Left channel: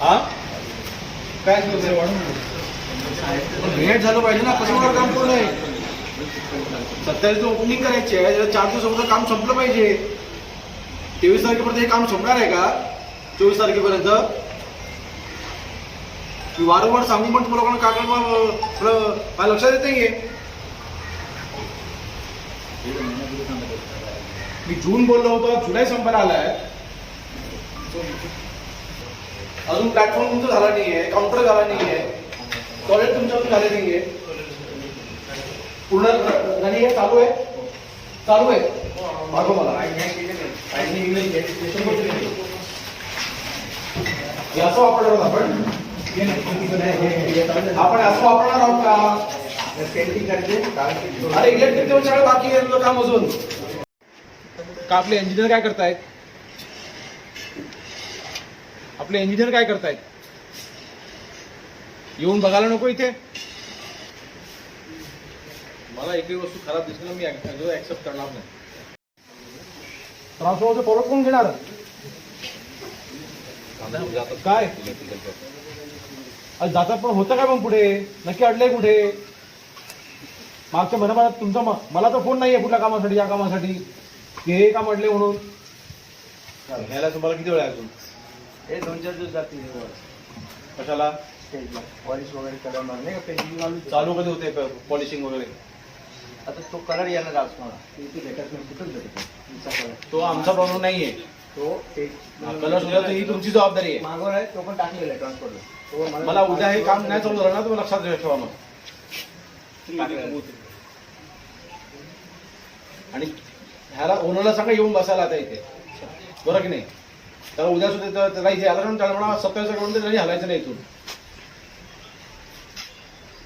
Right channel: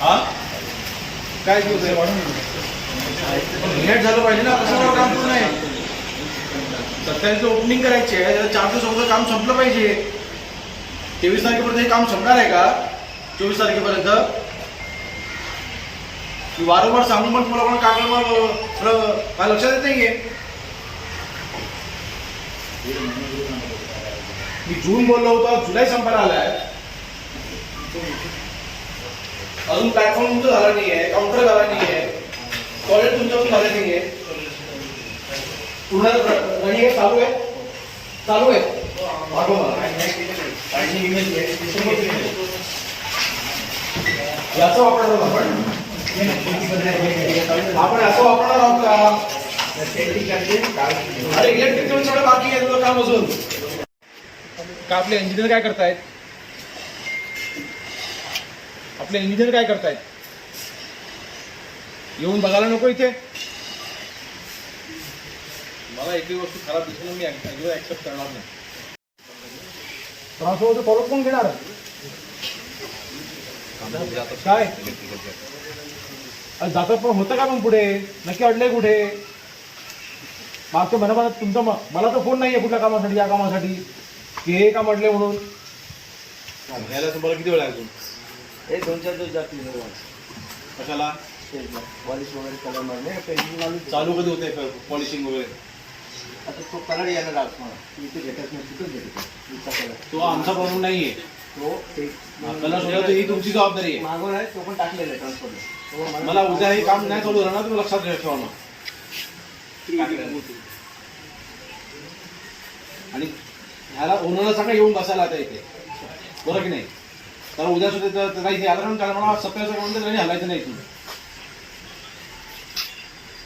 हा? काय मिनिट झालं पाहिजे ना कशावर काम करू नये? सत्तावीस ओपनिंग करायची आहे त्याला चार दिवसापर्यंत काम संपलं पाहिजे. तेवीस तारखेपर्यंत हे काम संपणार आहे का? चोवीस तारखेपर्यंत? वारंवार सांगून पण तुम्हाला पण कागद मला मला लक्षात येत नाहीये. मी जून बोललो होतो जुलै संपायला आलाय. अजून प्लॅटफॉर्म तुमचं झाला नाही आहे काउंटर झाला नाही आहे टॉयलेट तुमच्याकडून झाले आहे पूर्ण नाही आहे चालू आहे? चालू आहे. पाठव मला. याचा वापर आपण. आपण असं वापरणार आहोत का? अरे इलेक्ट्रिक देऊन सगळं बाकी आहे तुझं काम अजून. का आपले इंजिनियर काय करतायत? आपले इंजिनियर काय करतायत? येऊन बघायला नको इथे. मला एकही वस्तू खराब दिसली मी अजिबात ऍक्सेप्ट करणार नाही. त्रास होतो परत कोण घेणार? काय? अरे जाता पण होतं का पण पुढे? नक्की अडलंय कुठे? मागच्या महिन्याभरात तुमचा मला तर फोन नाही आहे कुठल्या कामासाठी या कामासाठी. ते हे काम अडले म्हणून. यायला तुम्हाला किती वेळ आहे अजून हे दोन चार दिवस जातील कशाला? पॉलिश वगैरे कलर मारणे पेंटिंग चालू चालू कधी होते? पॉलिशिंग वगैरे. आता तो कलर येणार आज मला इथे भेटत नाही कुठंच भेटत नाही. कलर तो आमचा प्रॉब्लेम नाहीये तो ते कलर सुद्धा तो- ही तुमची जबाबदारी आहे. मागवर आहे तो पण टाकलेला आहे ट्रान्सपोर्टला तो मला उद्या हे काम नाही चालू झालं ना तुम्ही लक्षात ठेवा मग. आणि ह्याला ओनरला सांगा येऊन बसायला आता इथे. बरं की नाही? त्याला उद्या सुद्धा काही आलं ना त्याला म्हणा सत्तावीस म्हणून त्याला हलायचं नाही इथून.